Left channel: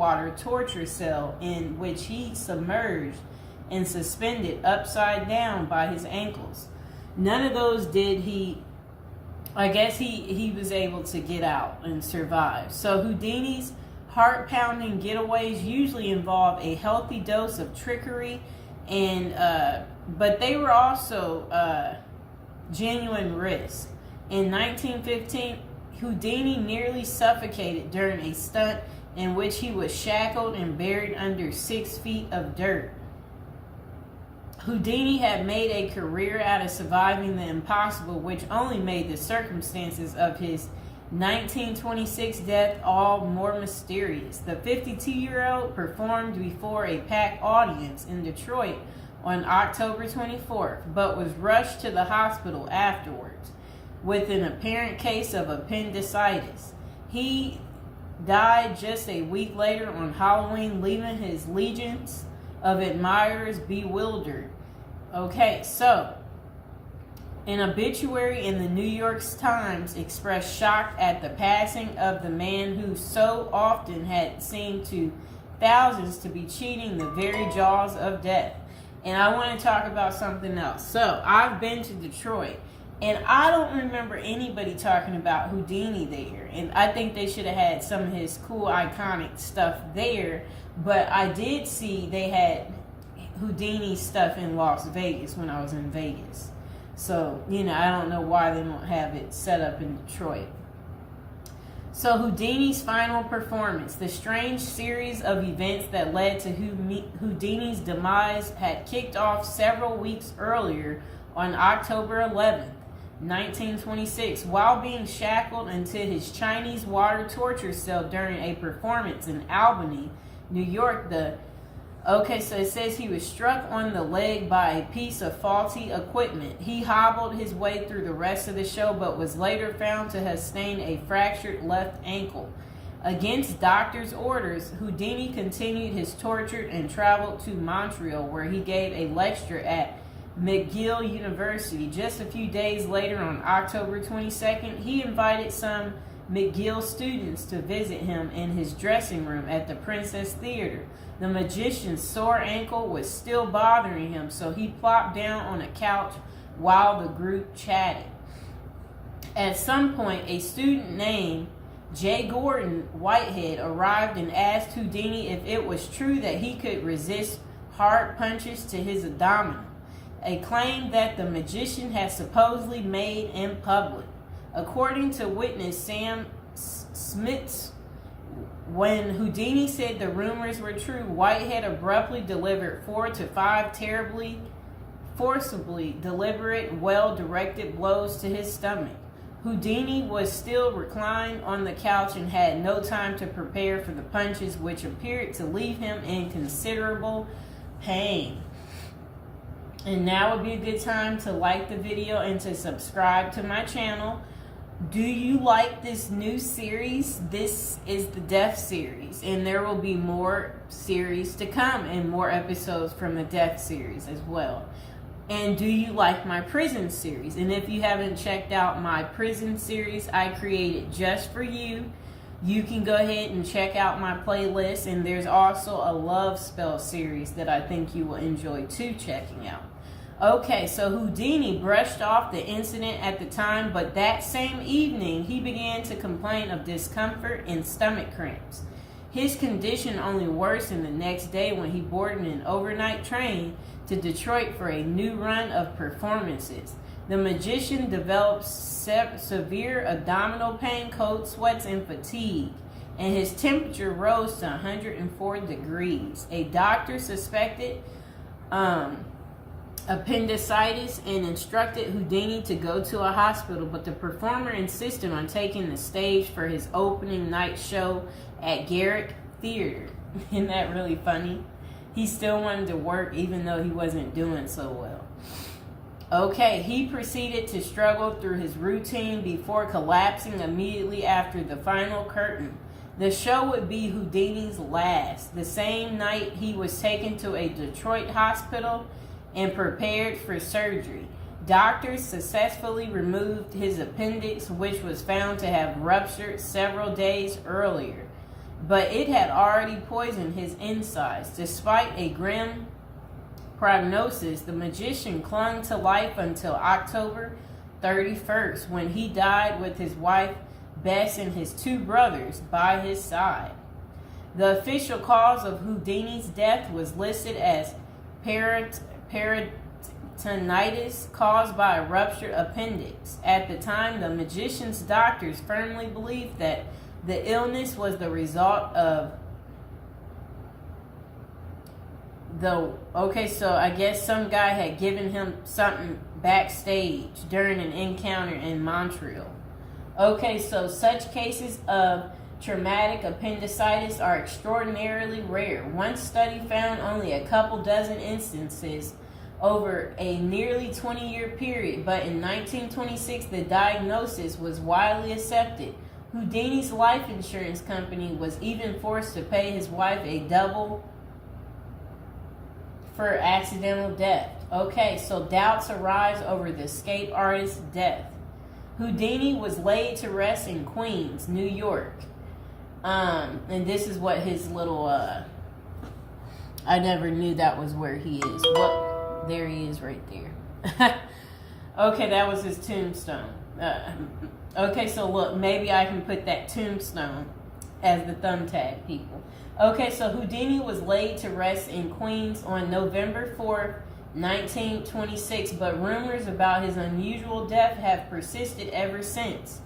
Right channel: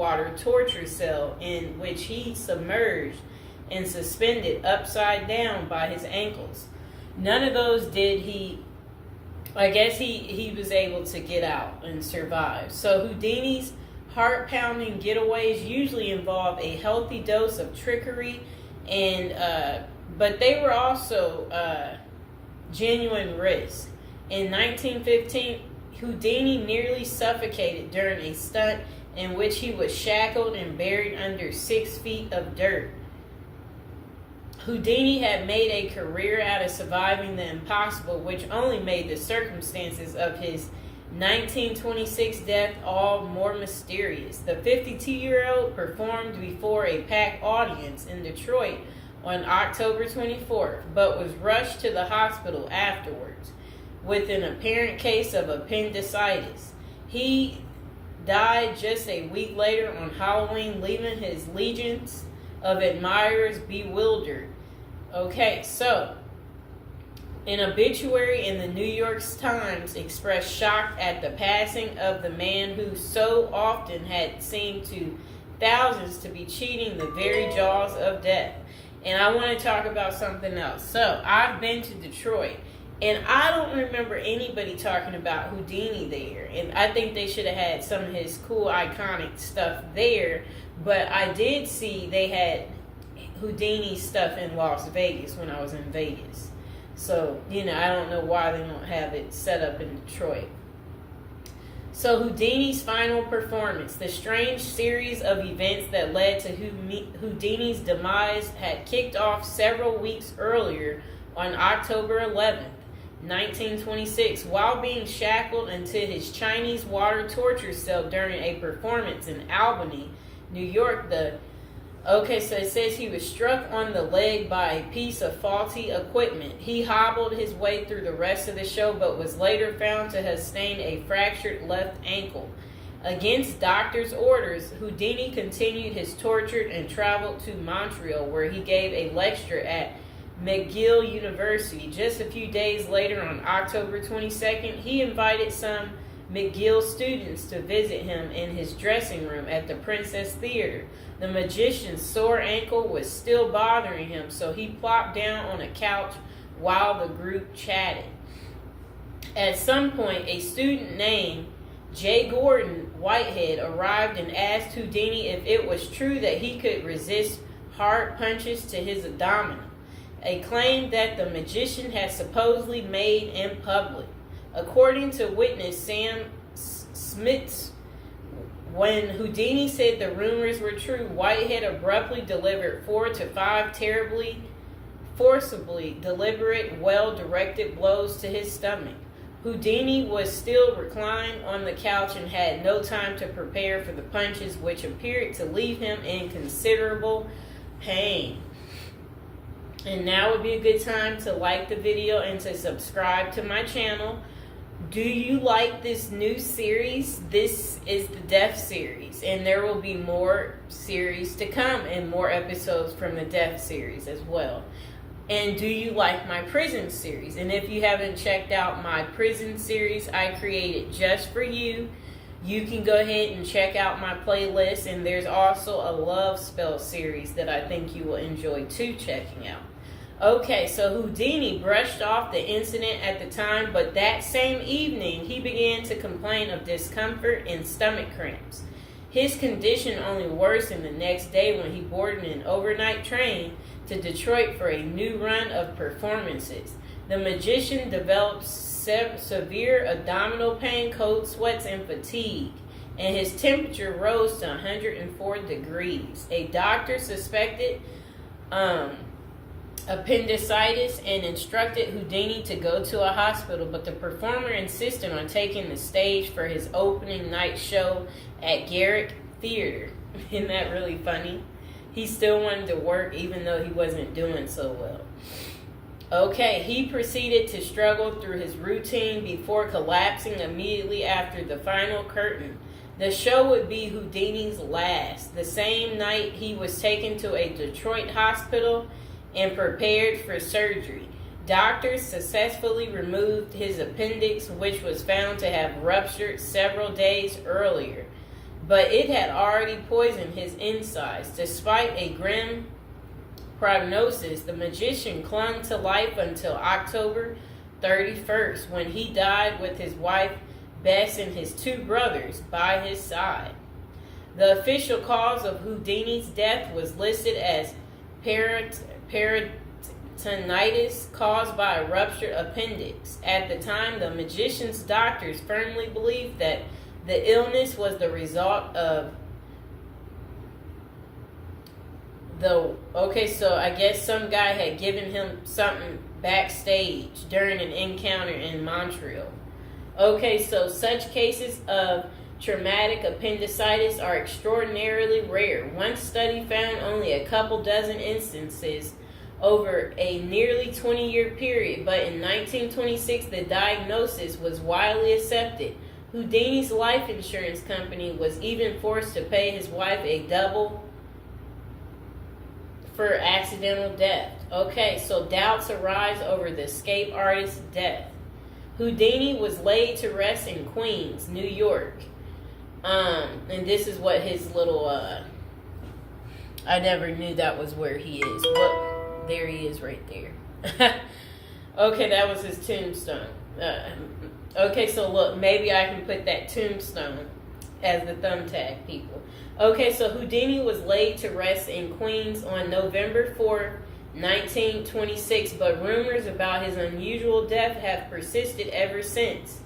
water torture cell in which he submerged and suspended upside down by his ankles. None of those did he. I guess he was able to get out and survive. So Houdini's heart-pounding getaways usually involve a healthy dose of trickery, and but they were also genuine risks. In 1915, Houdini nearly suffocated during a stunt in which he was shackled and buried under 6 feet of dirt. Houdini had made a career out of surviving the impossible, which only made the circumstances of his 1926 death all more mysterious. The 52-year-old performed before a packed audience in Detroit on October 24th, but was rushed to the hospital afterwards with an apparent case of appendicitis. He died just a week later on Halloween, leaving his legions of admirers bewildered. Okay, so an obituary in the New York Times expressed shock at the passing of the man who so often had seemed to thousands to be cheating the very jaws of death. And I want to talk about something else. So I've been to Detroit, and I don't remember anybody talking about Houdini there. And I think they should have had some of his cool, iconic stuff there. But I did see they had Houdini stuff in Las Vegas when I was in Vegas. So, I don't know why they don't have it set up in Detroit. So Houdini's final performance, the strange series of events that led to Houdini's demise, had kicked off several weeks earlier on October 11th, 1926, while being shackled into his Chinese water torture cell during a performance in Albany, New York. So it says he was struck on the leg by a piece of faulty equipment. He hobbled his way through the rest of the show, but was later found to have sustained a fractured left ankle. Against doctors' orders, Houdini continued his torture and traveled to Montreal, where he gave a lecture at McGill University. Just a few days later, on October 22nd, he invited some McGill students to visit him in his dressing room at the Princess Theater. The magician's sore ankle was still bothering him, so he plopped down on a couch while the group chatted. At some point, a student named J. Gordon Whitehead arrived and asked Houdini if it was true that he could resist hard punches to his abdomen, a claim that the magician had supposedly made in public. According to witness Sam Smits, when Houdini said the rumors were true, Whitehead abruptly delivered 4 to 5 terribly, forcibly deliberate, well-directed blows to his stomach. Houdini was still reclined on the couch and had no time to prepare for the punches, which appeared to leave him in considerable pain. And now would be a good time to like the video and to subscribe to my channel. Do you like this new series? This is the Death series, and there will be more series to come and more episodes from the Death series as well. And do you like my prison series? And if you haven't checked out my prison series I created just for you, you can go ahead and check out my playlist. And there's also a love spell series that I think you will enjoy too checking out. Okay, so Houdini brushed off the incident at the time, but that same evening he began to complain of discomfort and stomach cramps. His condition only worsened the next day when he boarded an overnight train to Detroit for a new run of performances. The magician developed severe abdominal pain, cold sweats, and fatigue, and his temperature rose to 104 degrees. A doctor suspected appendicitis and instructed Houdini to go to a hospital, but the performer insisted on taking the stage for his opening night show at Garrick Theater. Isn't that really funny? He still wanted to work even though he wasn't doing so well. Okay, he proceeded to struggle through his routine before collapsing immediately after the final curtain. The show would be Houdini's last. The same night, he was taken to a Detroit hospital and prepared for surgery. Doctors successfully removed his appendix, which was found to have ruptured several days earlier. but it had already poisoned his insides. Despite a grim prognosis, the magician clung to life until October 31st, when he died with his wife Bess and his 2 brothers by his side. The official cause of Houdini's death was listed as peritonitis caused by a ruptured appendix. At the time, the magician's doctors firmly believed that the illness was the result of so I guess some guy had given him something backstage during an encounter in Montreal. Okay, so such cases of traumatic appendicitis are extraordinarily rare. One study found only a couple dozen instances over a nearly 20-year period, but in 1926 the diagnosis was widely accepted. Houdini's life insurance company was even forced to pay his wife a double for accidental death. Okay, so doubts arise over the escape artist's death. Houdini was laid to rest in Queens, New York. And this is what his little, I never knew that was where he is. Well, there he is right there. Okay, that was his tombstone. Okay, so look, maybe I can put that tombstone as the thumbtack, people. Okay, so Houdini was laid to rest in Queens on November 4th, 1926, but rumors about his unusual death have persisted ever since.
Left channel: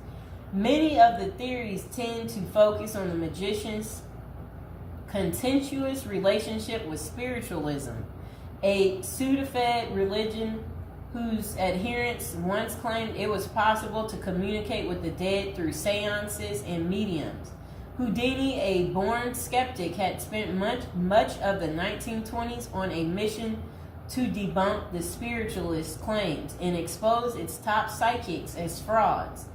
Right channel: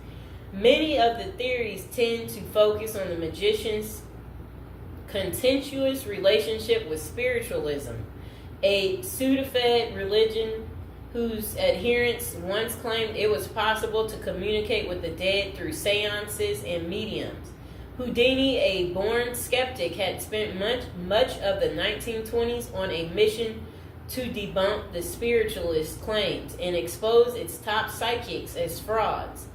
Many of the theories tend to focus on the magician's contentious relationship with spiritualism, a pseudo-fed religion whose adherents once claimed it was possible to communicate with the dead through seances and mediums. Houdini, a born skeptic, had spent much of the 1920s on a mission to debunk the spiritualist claims and expose its top psychics as frauds.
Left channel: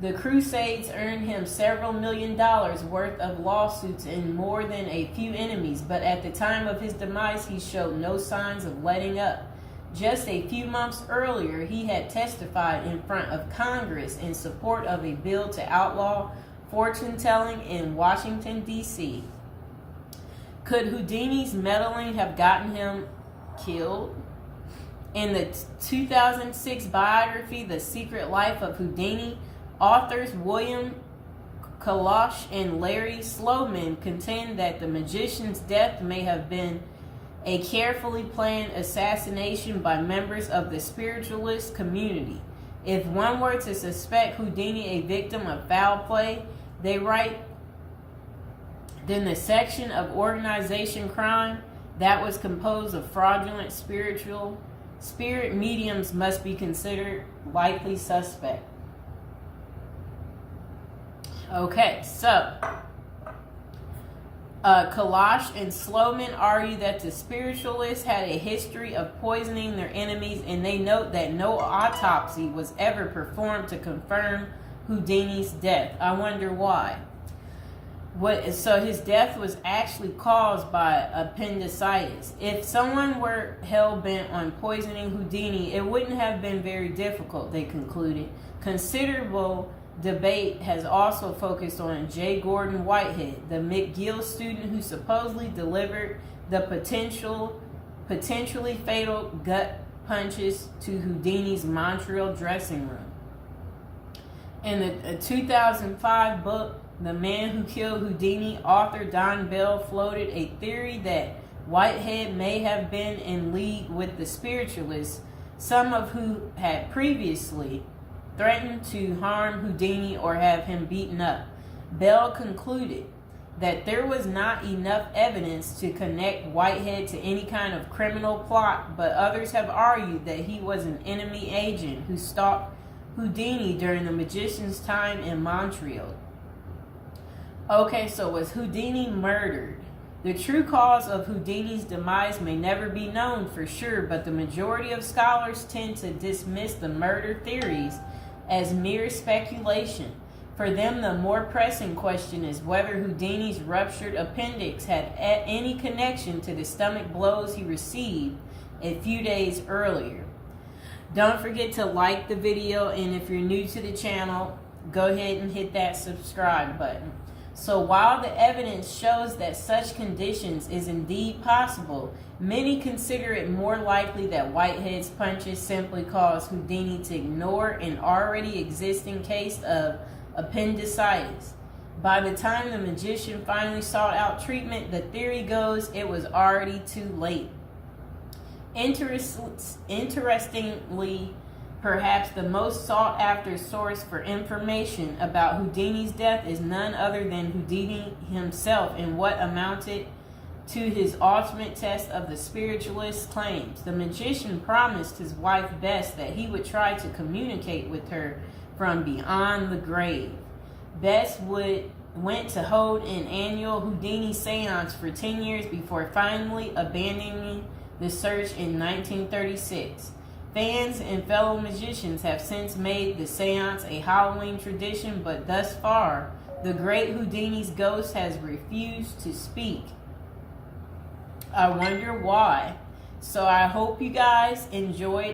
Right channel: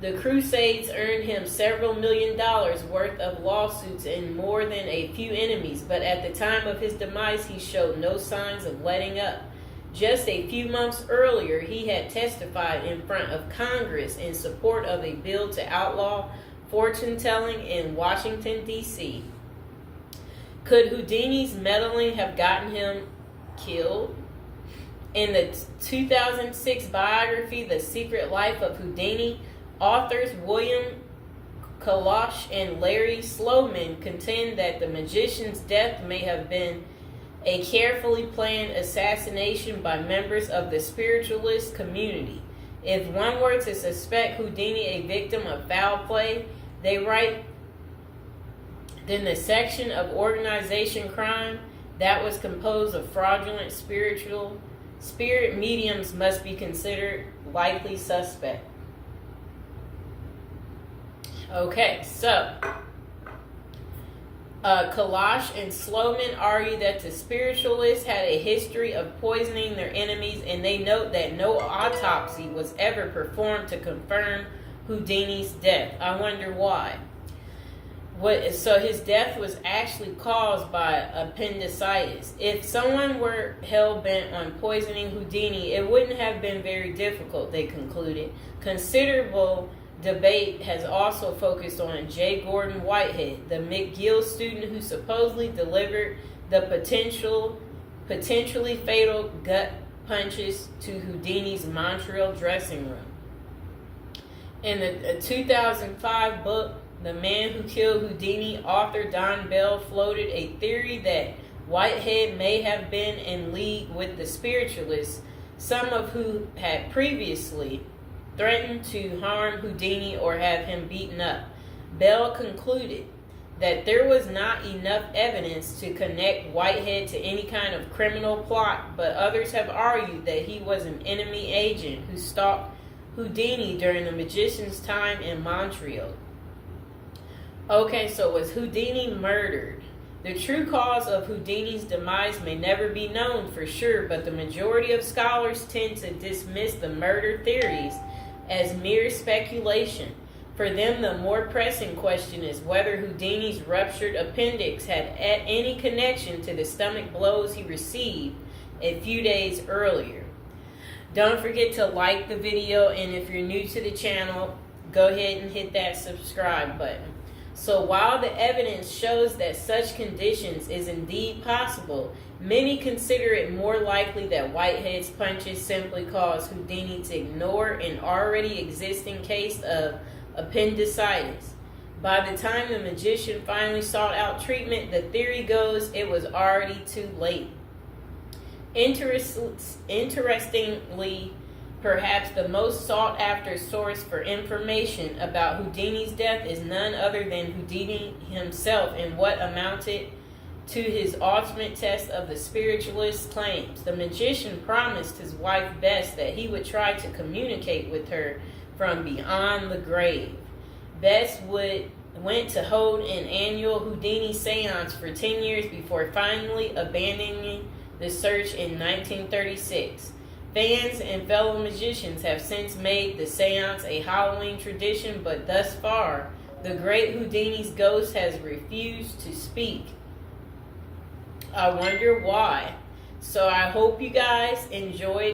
The crusades earned him several $1 million worth of lawsuits and more than a few enemies, but at the time of his demise, he showed no signs of letting up. Just a few months earlier, he had testified in front of Congress in support of a bill to outlaw fortune-telling in Washington, D.C. Could Houdini's meddling have gotten him killed? In the 2006 biography, The Secret Life of Houdini, authors William Kalash and Larry Sloman contend that the magician's death may have been a carefully planned assassination by members of the spiritualist community. If one were to suspect Houdini a victim of foul play, they write, then the section of organization crime that was composed of fraudulent spirit mediums must be considered likely suspect. Okay, so Kalash and Sloman argue that the spiritualists had a history of poisoning their enemies, and they note that no autopsy was ever performed to confirm Houdini's death. I wonder why. So his death was actually caused by appendicitis. If someone were hell-bent on poisoning Houdini, it wouldn't have been very difficult, they concluded. Considerable debate has also focused on J. Gordon Whitehead, the McGill student who supposedly delivered the potentially fatal gut punches to Houdini's Montreal dressing room. In the 2005 book, The Man Who Killed Houdini, author Don Bell floated a theory that Whitehead may have been in league with the spiritualists, some of who had previously threatened to harm Houdini or have him beaten up. Bell concluded that there was not enough evidence to connect Whitehead to any kind of criminal plot, but others have argued that he was an enemy agent who stalked Houdini during the magician's time in Montreal. Okay, so was Houdini murdered? The true cause of Houdini's demise may never be known for sure, but the majority of scholars tend to dismiss the murder theories as mere speculation. For them, the more pressing question is whether Houdini's ruptured appendix had any connection to the stomach blows he received a few days earlier. Don't forget to like the video, and if you're new to the channel, go ahead and hit that subscribe button. So while the evidence shows that such conditions is indeed possible, many consider it more likely that Whitehead's punches simply caused Houdini to ignore an already existing case of appendicitis. By the time the magician finally sought out treatment, the theory goes it was already too late. Interestingly, perhaps the most sought after source for information about Houdini's death is none other than Houdini himself in what amounted to his ultimate test of the spiritualist's claims. The magician promised his wife Bess that he would try to communicate with her from beyond the grave. Bess went to hold an annual Houdini seance for 10 years before finally abandoning the search in 1936. Fans and fellow magicians have since made the seance a Halloween tradition, but thus far, the great Houdini's ghost has refused to speak. I wonder why. So I hope you guys enjoyed